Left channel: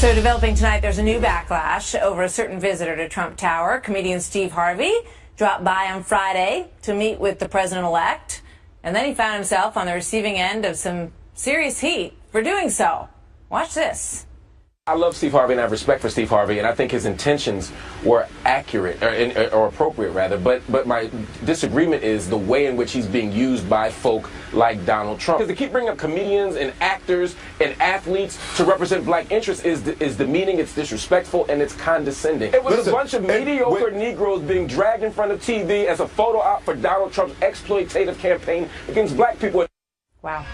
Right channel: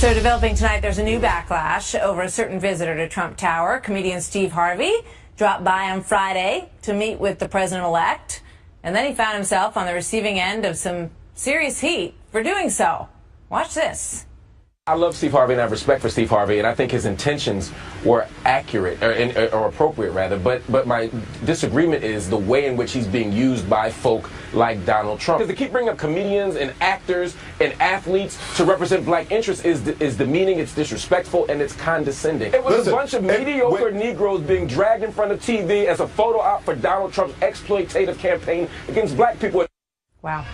So developing tonight, there's a new backlash over a certain visitor to Trump Tower. Comedian Steve Harvey dropped by on Friday to meet with the president-elect, and then he found himself on the receiving end of some serious heat for doing so. Watch this. I love Steve Harvey and I have respect for Steve Harvey, and I think his intentions were accurate, or appropriate rather, but my disagreement is the way in which he's being used by folk like Donald Trump. Because they keep bringing up comedians and actors and athletes to represent black interests is demeaning, it's disrespectful, and it's condescending. It was a bunch of mediocre Negroes being dragged in front of TV as a photo op for Donald Trump's exploitative campaign against black people. Wow.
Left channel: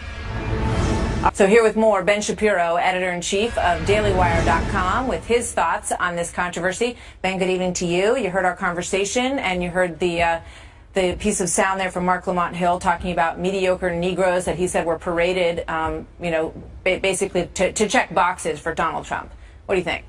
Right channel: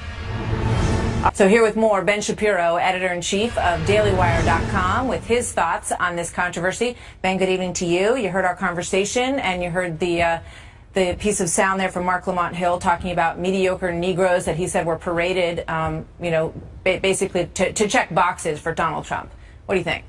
So here with more, Ben Shapiro, editor-in-chief of DailyWire.com, with his thoughts on this controversy. Ben, good evening to you. You heard our conversation, and you heard the piece of sound there from Marc Lamont Hill talking about mediocre Negroes that he said were paraded, basically to check boxes for Donald Trump. What do you think?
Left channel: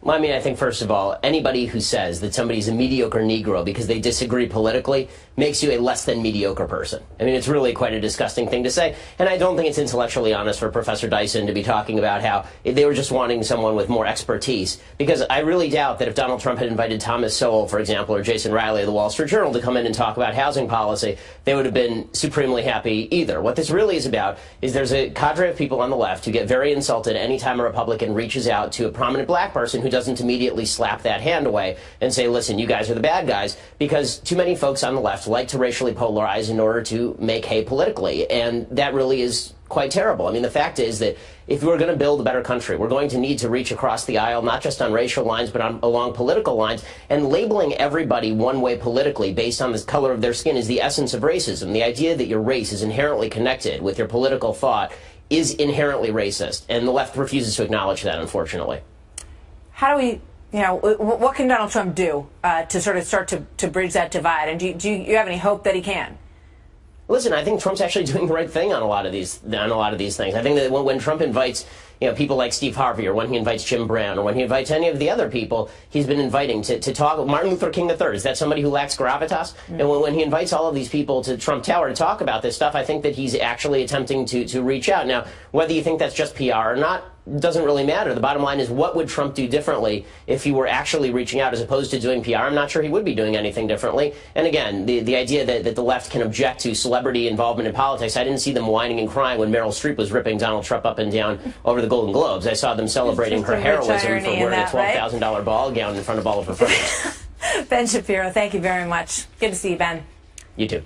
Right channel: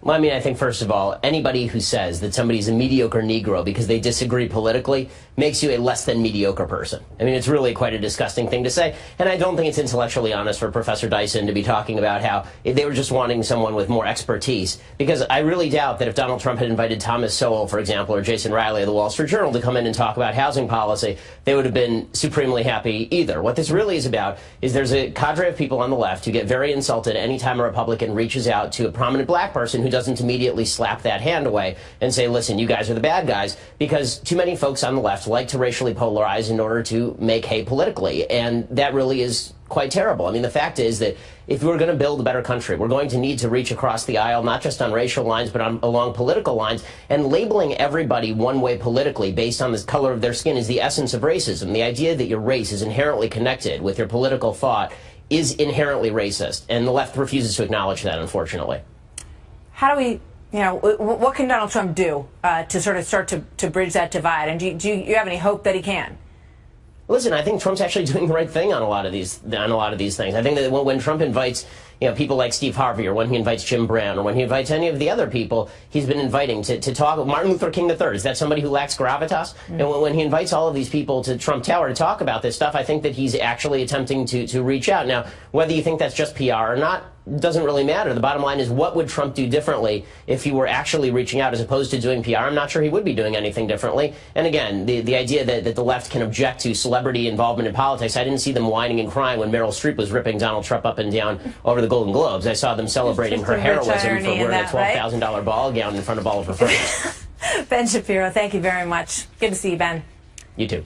Well, I mean, I think, first of all, anybody who says that somebody's a mediocre Negro because they disagree politically makes you a less than mediocre person. I mean, it's really quite a disgusting thing to say. And I don't think it's intellectually honest for Professor Dyson to be talking about how they were just wanting someone with more expertise. Because I really doubt that if Donald Trump had invited Thomas Sowell, for example, or Jason Riley of the Wall Street Journal to come in and talk about housing policy, they would have been supremely happy either. What this really is about is there's a cadre of people on the left who get very insulted anytime a Republican reaches out to a prominent black person who doesn't immediately slap that hand away and say, listen, you guys are the bad guys, because too many folks on the left like to racially polarize in order to make hay politically, and that really is quite terrible. I mean, the fact is that if we're going to build a better country, we're going to need to reach across the aisle, not just on racial lines, but along political lines, and labeling everybody one way politically based on the color of their skin is the essence of racism. The idea that your race is inherently connected with your political thought is inherently racist, and the left refuses to acknowledge that, unfortunately. How do we, what can Donald Trump do to sort of start to bridge that divide? And do you have any hope that he can? Listen, I think Trump's actually doing the right thing on a lot of these things. I think that when Trump invites people like Steve Harvey, or when he invites Jim Brown, or when he invites any of the other people he's been inviting to talk, Martin Luther King III, is that somebody who lacks gravitas? And when he invites all of these people to Trump Tower to talk about this stuff, I think that he's actually attempting to reach out. Now, whether you think that's just PR or not, doesn't really matter. The bottom line is, what would Trump do differently if he were actually reaching out as opposed to doing PR? I'm not sure he would be doing anything differently. And again, the idea that the left can object to celebrity involvement in politics, I didn't see them whining and crying when Meryl Streep was ripping Donald Trump up and down over the Golden Globes. I saw them celebrating her heroism for wearing a $12,000 ball gown in front of all of her friends. Ben Shapiro, thank you very much. Good to see you, Ben. You too.